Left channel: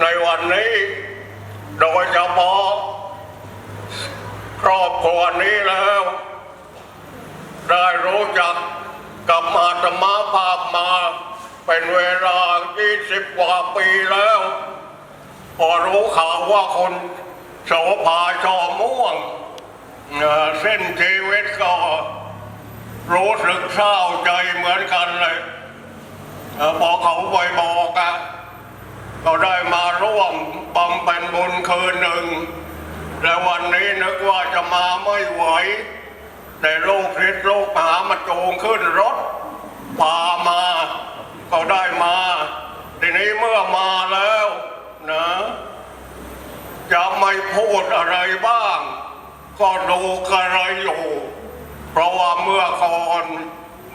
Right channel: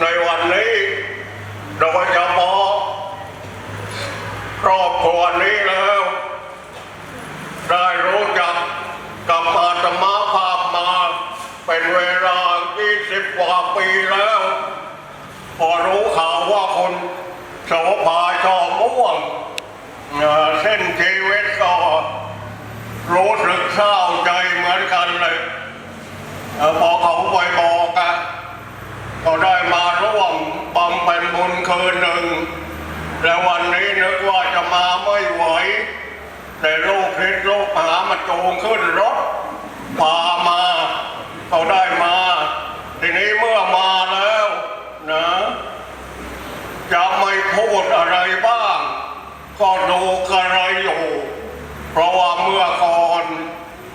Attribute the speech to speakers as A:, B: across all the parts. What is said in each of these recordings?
A: ในวันนี้โดยเฉพาะครอบครัวนี้แล้ว ได้รู้จักกับอาตมาภาพมาเป็นเวลา 20 กว่าปีแล้ว พอรู้ข่าวว่าคนโสภาชอม่วงเส้นชีวิตก็รู้สึกเศร้าใจเหมือนกันเลยพอเขาไปบอกอะก็ได้มา บุญคืนหนึ่งและวันนี้นึกว่าจะมาไม่ไหว แต่โรคพิษโรคหามาโจงขึ้นรถพามาก็ได้มา ทีนี้เมื่อมาแล้วนะ จะไม่พูดอะไรบ้าง ก็ดูกระไรอยู่ เพราะว่าเมื่อก่อน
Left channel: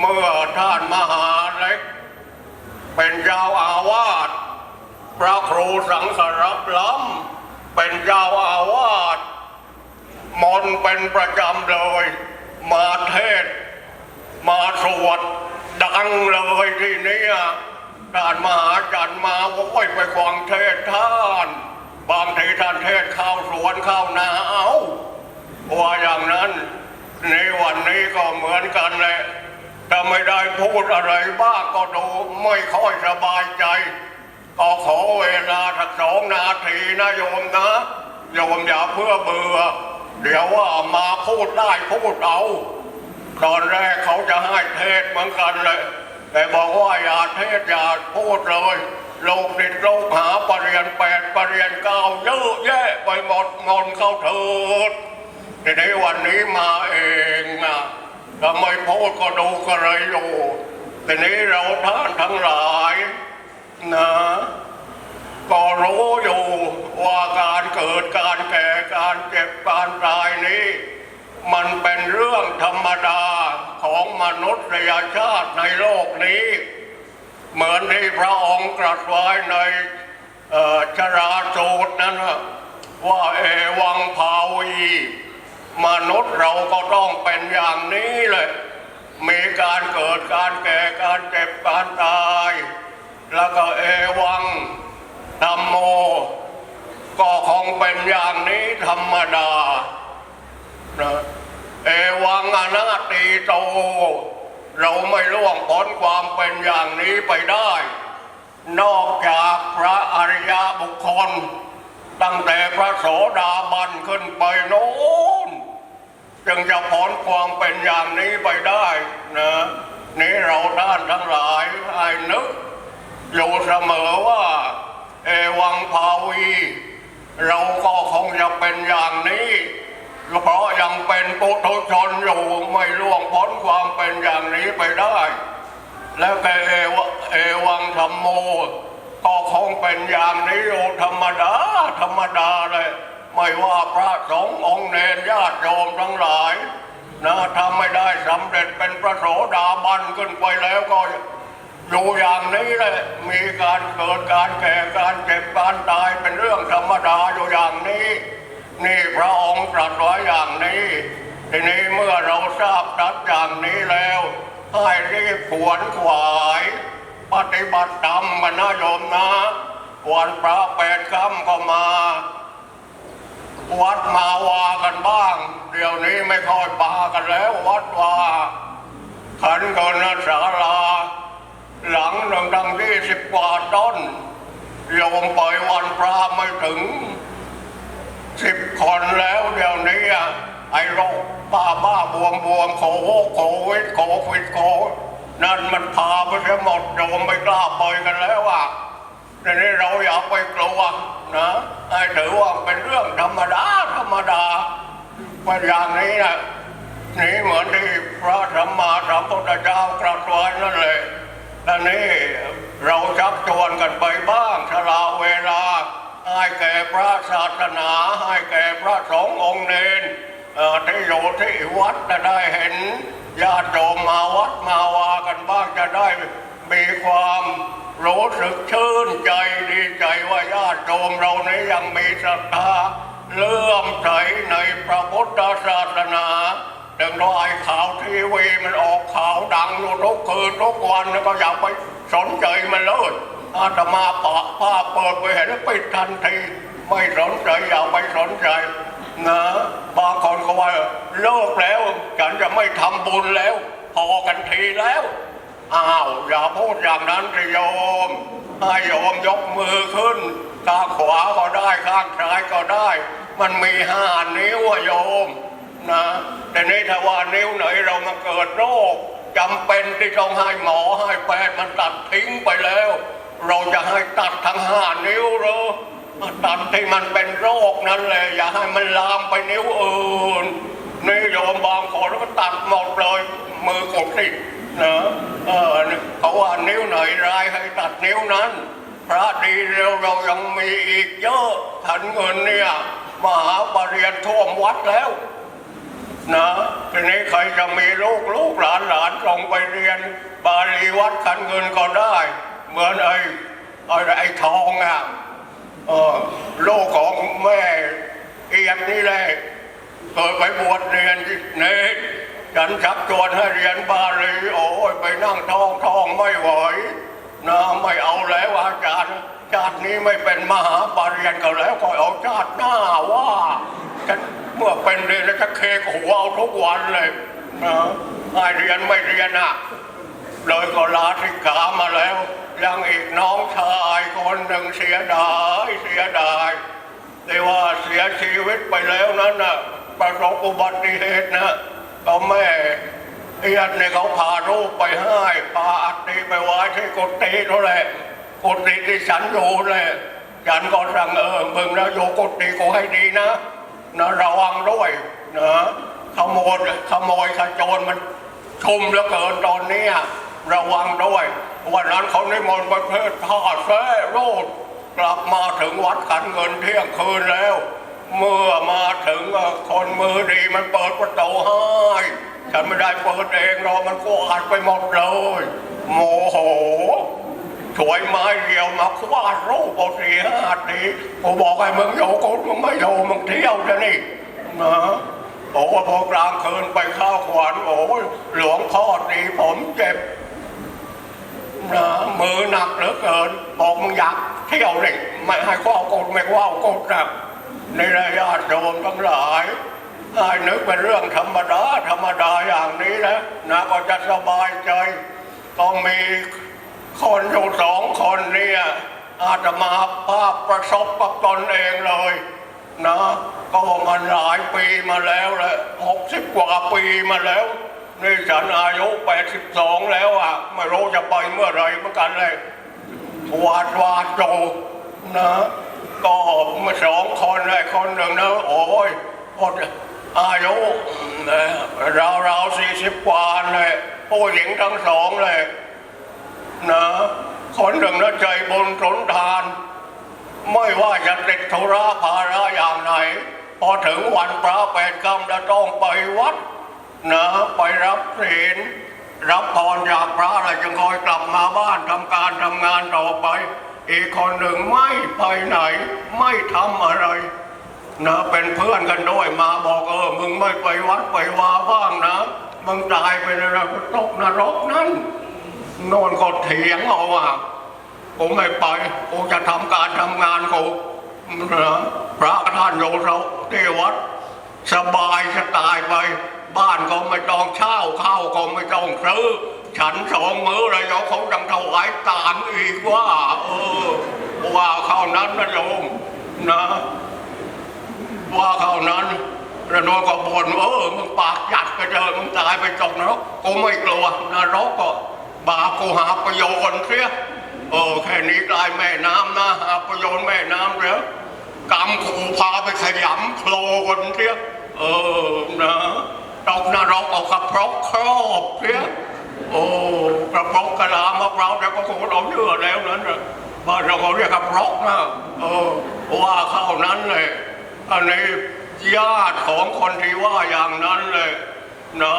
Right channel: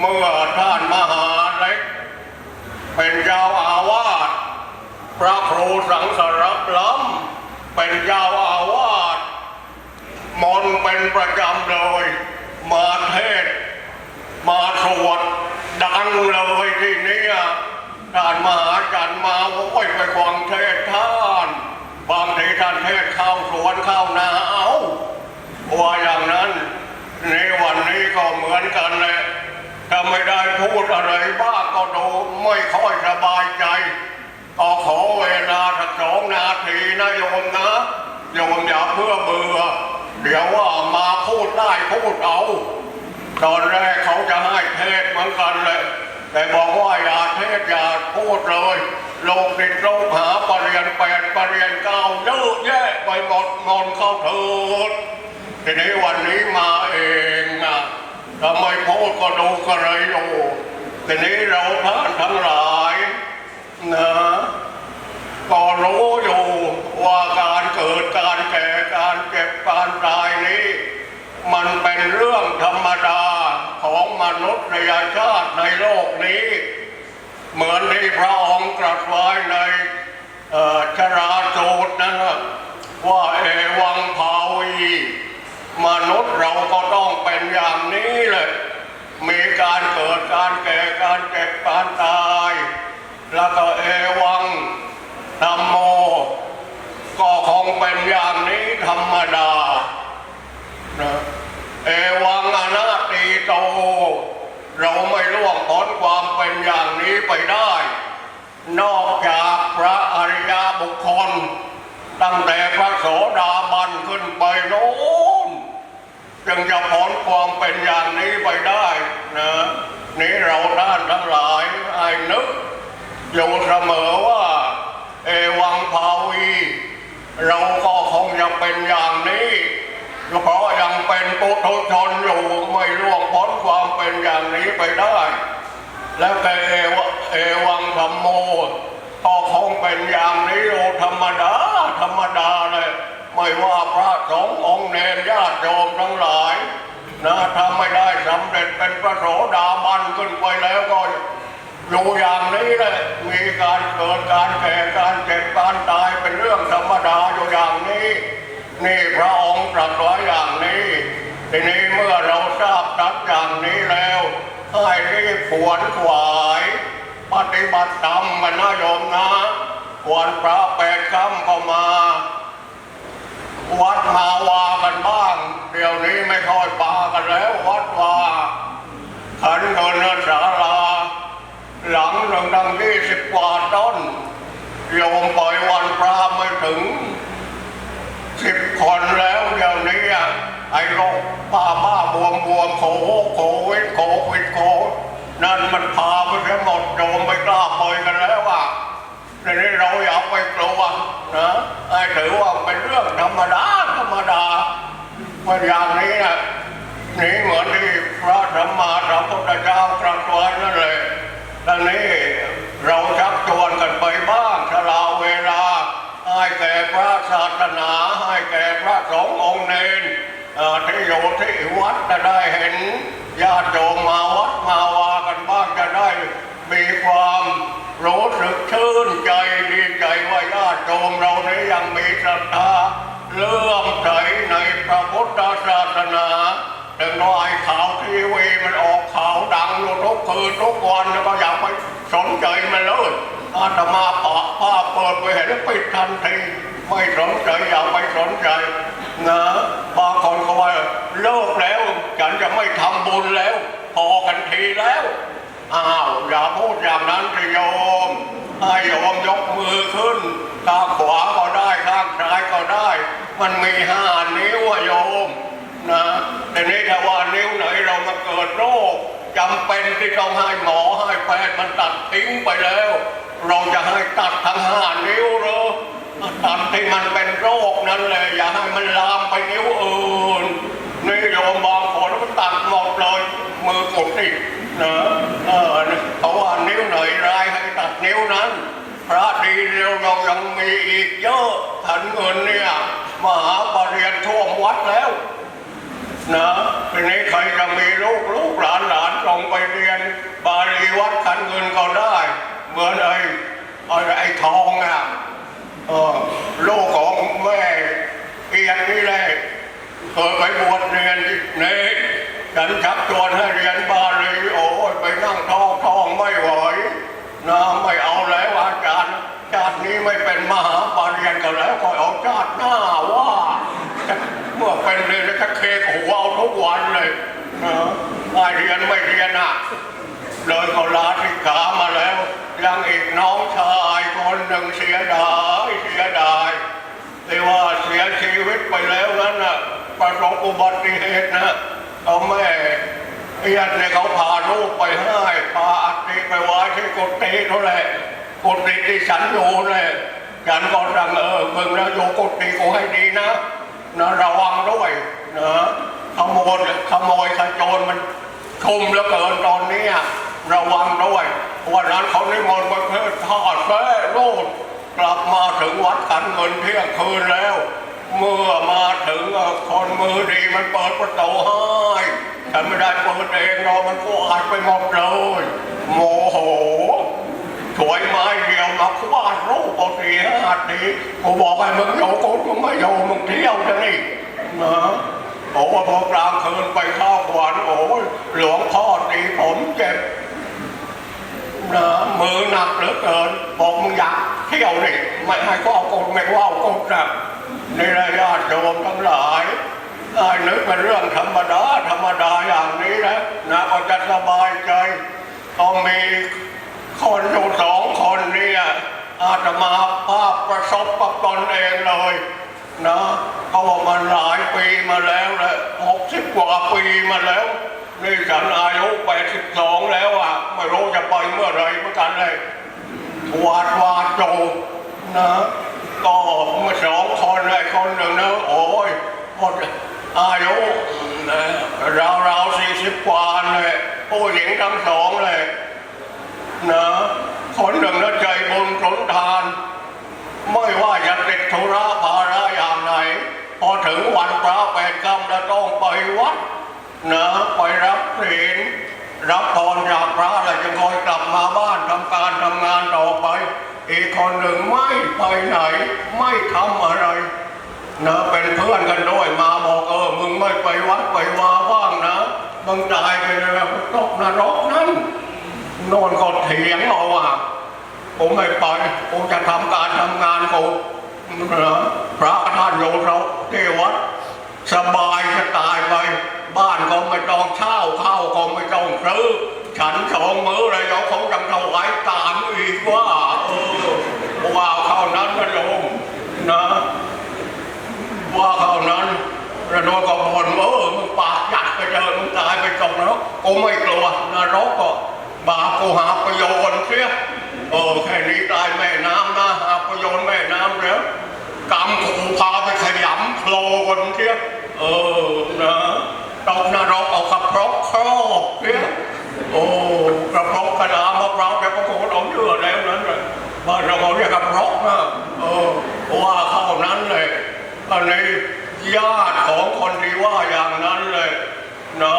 A: เมื่อท่านมหาเล็ก เป็นเจ้าอาวาส พระครูสังสรับล้ำเป็นเจ้าอาวาสมนเป็นประจำเลย มาเทศ มาสวดดังเลยที่นี้ท่านมหาจันทร์มาโอ้ยไปฟังเทศท่านบางทีท่านเทศเข้าสวนเข้านาเอาว่าอย่างนั้นในวันนี้ก็เหมือนกันแหละถ้าไม่ได้พูดอะไรบ้างก็ดูไม่ค่อยสบายใจ ก็ขอเวลาสักสองนาทีนะโยมนะ โยมอย่าเพื่อเบื่อ เดี๋ยวว่ามาพูดได้พูดเอาตอนแรกเขาจะให้เทศเหมือนกันเลย แต่บอกว่าอย่าเทศอย่าพูดเลยโลกติดโลกหาปรริญญาแปดปรริญญาเก้าเยอะแยะไปหมดงอนเข้าเถิดทีนี้วันนี้มาเองอะทำไมพูดก็ดูก็เลยอยู่ทีนี้เราท่านทั้งหลาย นะก็รู้อยู่ว่าการเกิดการแก่การเจ็บการตายนี้ มันเป็นเรื่องธรรมดาของมนุษยชาติในโลกนี้ เหมือนที่พระองค์ตรัสไว้ในชราสูตรนั้นนะว่าเอวังภาวีมนุษย์เราก็ต้องเป็นอย่างนี้แหละ แล้วก็เอวังธรรมโม ก็คงเป็นอย่างนี้ธรรมดา เอวังอนัตติโต เราไม่ร่วงพ้นความเป็นอย่างนี้ไปได้ นอกจากพระอริยบุคคล ตั้งแต่พระโสดาบันขึ้นไปโน้นจึงจะพ้นความเป็นอย่างนี้ไปได้นะนี่เราท่านทั้งหลายให้นึก อยู่เสมอว่า เอวังภาวีเราก็คงจะเป็นอย่างนี้เพราะยังเป็นปุถุชนอยู่ไม่ร่วงพ้นความเป็นอย่างนี้ไปได้ แล้วแต่เอวเอวังธรรมโมก็คงเป็นอย่างนี้อยู่ธรรมดาธรรมดาเลยไม่ว่าพระสงฆ์องค์เนรญาติโยมทั้งหลายนะถ้าไม่ได้สำเร็จเป็นพระโสดาบันขึ้นไปแล้วก็ อยู่อย่างนี้แหละมีการเกิดการแก่การเจ็บการตายเป็นเรื่องธรรมดาอยู่อย่างนี้ นี่พระองค์ตรัสไว้อย่างนี้ทีนี้เมื่อเราทราบตัดอย่างนี้แล้วให้รีบขวนขวายปฏิบัติธรรมมันนะโยมนะวันพระแปดค่ำก็มา วัดมาวากันบ้าง เดี๋ยวนี้ไม่ค่อยปากันแล้ววัดวาขันเงินสารา หลังหนึ่งดังยี่สิบกว่าต้นโยมปล่อยวันพระไม่ถึงสิบคนแล้วเดี๋ยวนี้อะไอ้โรคบ้าบ้าบวมบวมโคโควิดโควิดโคนั่นมันพาไปทั้งหมดโยมไม่กล้าปล่อยกันแล้วอะทีนี้เราอย่าไปกลัวนะให้ถือว่าเป็นเรื่องธรรมดาธรรมดาเมื่ออย่างนี้นะนี่เหมือนที่พระธรรมาสัมพุทธเจ้าตรัสไว้นั่นแหละทีนี้เราชักชวนกันไปบ้างชะลาเวลา ให้แก่พระศาสนา ให้แก่พระสงฆ์องค์เนรเอ่อที่อยู่ที่วัดจะได้เห็นญาติโยมมาวัดมาวากันบ้างจะได้มีความรู้สึกชื่นใจดีใจว่าญาติโยมเรานี้ยัง มีศรัทธาเลื่อมใสในพระพุทธศาสนาถึงว่าไอ้ข่าวทีวีมันออกข่าวดังอยู่ทุกคืนทุกวันแล้วก็อย่าไปสนใจมันเลยอาตมาปะผ้าเปิดดไปเห็นปิดทันทีไม่สนใจอย่าไปสนใจนะบางคนก็ว่าเลิกแล้วฉันจะไม่ทำบุญแล้ว พอกันทีแล้ว อ้าวอย่าพูดอย่างนั้นสิโยม ให้โยมยกมือขึ้น ข้างขวาก็ได้ข้างซ้ายก็ได้ มันมีห้านิ้วโยมนะแต่นี้ถ้าว่านิ้วไหนเรามาเกิดโรคจำเป็นที่ต้องให้หมอให้แพทย์มันตัดทิ้งไปแล้ว เราจะให้ตัดทั้งห้านิ้วเหรอตัดที่มันเป็นโรคนั่นแหละอย่าให้มันลามไปนิ้วอื่นนี่โยมบางคนก็ตัดหมดเลยมือกดติด นะเออเพราะว่านิ้วไหนร้ายให้ตัดนิ้วนั้น พระดีเราเรายังมีอีกเยอะถันเงินเนี่ยมหาปรริญญาท่วมวัดแล้วนะทีนี้ใครจะมีลูกลูกหลานหลานส่งไปเรียน บาลีวัดขันเงินก็ได้ เหมือนไอ้ไอ้ไอ้ทองอะเออลูกของแม่เอียนนี่แหละเคยไปบวชเรียนที่นี่ฉันชักชวนให้เรียนบาลีโอ้ยไปนั่งท้องท้องไม่ไหว นะไม่เอาแล้วอาจารย์ชาตินี้ไม่เป็นมหาปรริญญากันแล้วก็เอาชาติหน้าว่าเมื่อเป็นเรียนแล้วก็เคกหัวเอาทุกวันเลยนะไม่เรียนไม่เรียนอะเลยก็ลาสิกามาแล้วยังอีกน้องชายคนหนึ่งเสียดายเสียดายที่ว่าเสียชีวิตไปแล้วนั้นน่ะประสบอุบัติเหตุนะเอาแม่ เอียนเนี่ยเขาพาลูกไปให้พาอัฐิไปไว้ที่กุฏิเขาแหละกุฏิที่ฉันอยู่เลยฉันก็สั่งเออมึงนะโยกุฏิกูให้ดีนะนะระวังด้วยนะขโมยขโมยขโจรมันชุมเหลือเกินตอนนี้ระวังด้วยวันนั้นเขานิมนต์ไปเพื่อทอดแฟ้ลูกกลับมาถึงวัดขันเงินเที่ยงคืนแล้ว เมื่อมาถึงคนมือดีมันเปิดประตูให้ ฉันไม่ได้เปิดเองเรามันก็อัดไปหมดเลยโมโหถวยไม้เดียวนักวาดรูปปกติห้าทีผมบอกให้มึงโยกมึงไม่โยมึงเที่ยวจะนี่นะบอกว่าพอกลางคืนไปข้าวขวัญโอ้ยหลวงพ่อตีผมเจ็บนะมือหนักเหลือเกินบอกมึงอยากเที่ยวนี่ไม่ให้ก็เอากดไม่ว่าเอากดนะในระยะโยมทั้งหลาย ได้นึกเป็นเรื่องธรรมดาธรรมดาอย่างนี้นะนะก็จะสบายใจต้องมีคนอยู่สองคนเนี่ยอาตมาภาพประสบกับตนเองเลยนะก็บอกมันหลายปีมาแล้วแหละหกสิบกว่าปีมาแล้วนี่ฉันอายุแปดสิบสองแล้วอะไม่รู้จะไปเมื่อไรเหมือนกันเลยวาดวาดโจนะก็เมื่อสองคนเลยคนหนึ่งนะโอ้ยหมด อายุนะราวสี่สิบกว่าเลยผู้หญิงทั้งสองเลยนะคนหนึ่งนะใจบุญสนทาน ไม่ว่าจะติดธุระภาระอย่างไหน พอถึงวันพระแปดค่ำจะต้องไปวัดนะไปรับศีลรับพรจากพระแล้วจึงคอยกลับมาบ้านทำการทำงานต่อไป อีกคนหนึ่งไม่ไปไหน ไม่ทำอะไร นะเป็นเพื่อนกันด้วยมาบอกเออมึงไม่ไปวัดไปวาบ้างนะมึงตายไปเลยนะตกนรกนั่นโนอนก็เถียงเอาว่าผมไม่ไปผมจะทำการทำงานกูนะพระท่านโยนเราที่วัดสบายจะตายไป บ้านก็ไม่ต้องเช่าข้าวก็ไม่ต้องซื้อฉันสองมื้อเลยเราเขาจังถวายตามอีกว่าเออว่าเข้านั้นนะโยมนะ ว่าเท่านั้นแล้วน้องก็บ่นว่าเออมึงปากจัดไปเจอมึงตายไปก่อนนรกกูไม่กลัวนรกก็บาปกูหาประโยชน์เสียเออแค่นี้ตายแม่น้ำนะหาประโยชน์แม่น้ำเดี๋ยวกรรมกูพาไปขยำโคลนเสียเออนะตกนรกเอากระเพราะครอบเสียโอ้กระเพราะกระดามะพร้าวแต่ก็โคตรเอาเลือดแล้วนั้นเลยบ้านเราก็เรียกกระเพราะนะเออว่าเข้านั้นเลย อันนี้ญาติของคนที่ว่าอย่างนั้นเลยนะ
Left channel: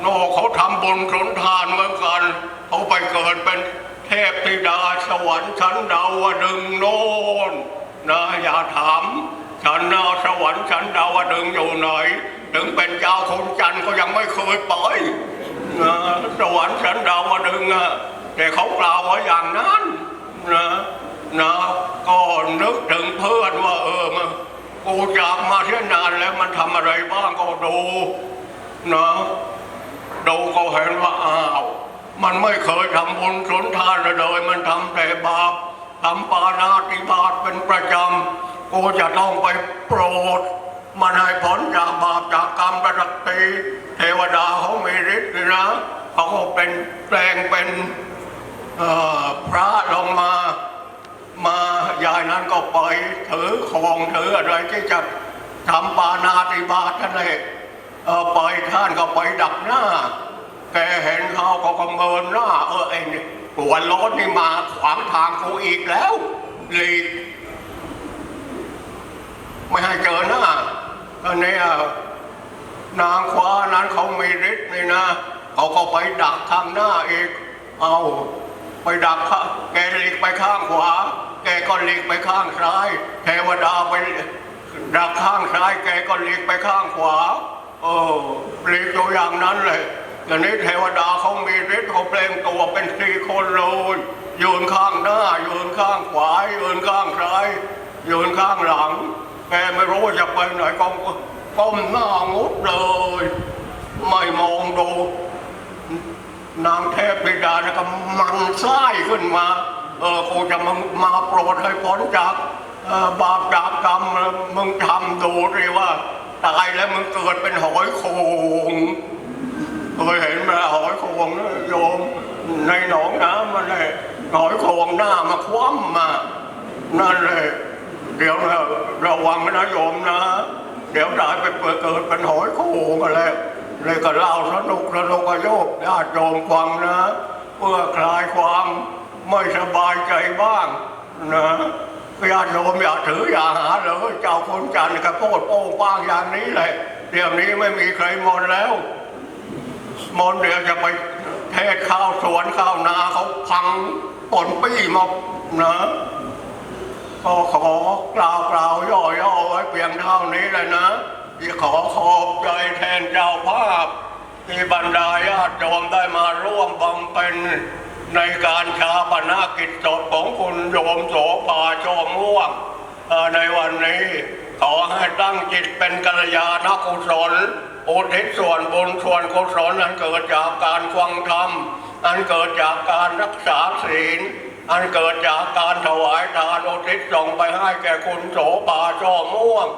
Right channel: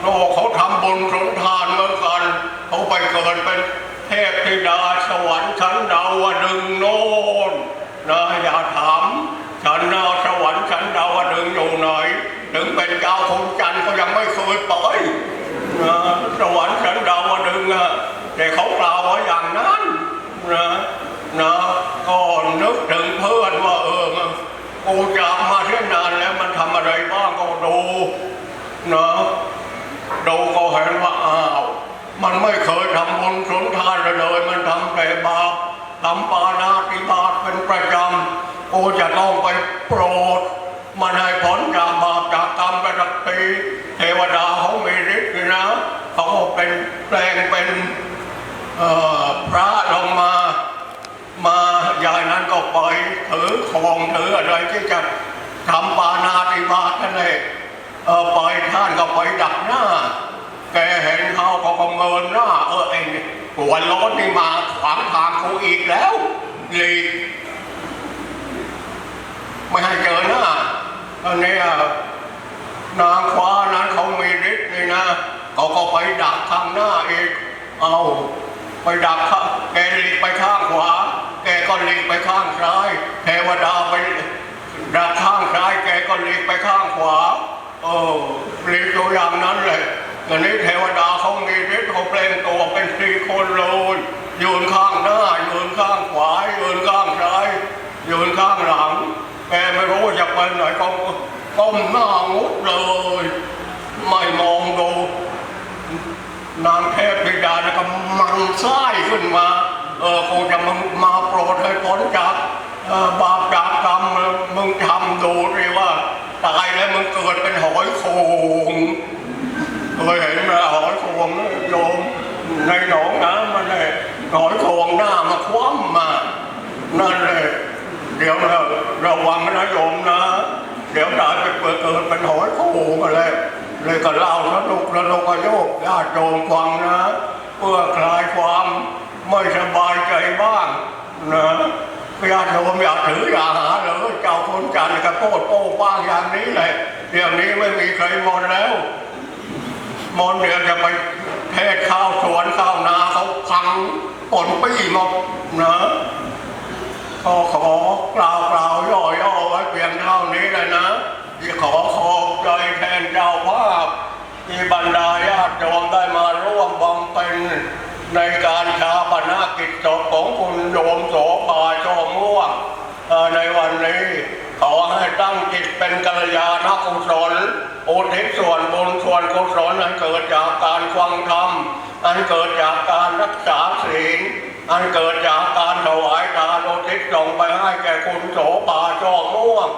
A: โน่เขาทำบุญสงทานเหมือนกันเขาไปเกิดเป็นเทพธิดาสวรรค์ชั้นดาวดึงโน่นนะอย่าถามฉันนาสวรรค์ชั้นดาวดึงอยู่ไหนถึงเป็นเจ้าคงจันทร์ก็ยังไม่เคยไปนะสวรรค์ชั้นดาวดึงส์อะแต่เขากล่าวไว้อย่างนั้นนะนะก็นึกถึงเพื่อนว่า กูจากมาเที่ยนานแล้วมันทำอะไรบ้างก็ดูนะดูก็เห็นว่าอ้าวมันไม่เคยทำบุญสุนทานเลยมันทำแต่บาปทำปานาติบาตเป็นประจำกูจะต้องไปโปรดมันให้ผลจากบาปจากกรรมไปสักทีเทวดาเขามีฤทธิ์นะเขาเป็นแปลงเป็นพระลงมา มายายนั้นก็ไปถือของถืออะไรที่จะทำปานาติบาตนั่นเองเออไปท่านก็ไปดักหน้า แกเห็นเขาก็ประเมินหน้า เออเองหัวร้อนนี่มาขวางทางกูอีกแล้วหลีกไม่ให้เจอหน้าอันนี้นางฟ้านั้นเขามีฤทธิ์นี่นะเขาก็ไปดักข้างหน้าอีกเอาไปดักข้างแกหลีกไปข้างขวา แกก็หลีกไปข้างซ้าย เทวดาไปดักข้างซ้าย แกก็หลีกไปข้างขวาเออหลีกตัวอย่างนั้นเลยตอย่างนี้เทวดาเขามีฤทธิ์เขาเปล่งตัวเป็นสี่คนเลยยืนข้างหน้ายืนข้างขวายืนข้างซ้ายยืนข้างหลังแกไม่รู้ว่าจะไปไหนก็ก้มหน้างุดเลย ไม่มองดูนางเทพธิดานะก็มันไส้ขึ้นมา เออกูจะมึงมาโปรดให้พ้นจากบาปจากกรรมมึงทำดูดิว่าตายแล้วมึงเกิดเป็นหอยโขงเคยเห็นไหมหอยโขงโยมในหนองน้ำมันเลยหอยโขงหน้ามาคว่ำมานั่นเลยเดี๋ยวเราระวังนะโยมนะ เดี๋ยวตายไปเปิดเกิดเป็นหอยโขงอะไรเลยก็เล่าสนุกสนุกกระโยกญาติโยมฟังนะ เพื่อคลายความ ไม่สบายใจบ้างนะญาติโยมอยากถืออย่าหาเลยเจ้าคุณจันทร์กระโปดโป้บ้างอย่างนี้แหละเดี๋ยวนี้ไม่มีใครมนแล้ว มนเดี๋ยวจะไปเทศข้าวสวนข้าวนาเขาพังปนปี้หมดนะก็ขอกล่าวกล่าวย่อๆไว้เพียงเท่านี้เลยนะที่ขอขอบใจแทนเจ้าภาพที่บรรดาญาติโยมได้มาร่วมบำเพ็ญ ในการชาปนกิจศพของคุณโยมโสภาชอม่วงในวันนี้ขอให้ตั้งจิตเป็นกัลยาณกุศลอุทิศส่วนบุญส่วนกุศลอันเกิดจากการฟังธรรม อันเกิดจากการรักษาศีล อันเกิดจากการถวายทานอุทิศส่งไปให้แก่คุณโสภาชอม่วง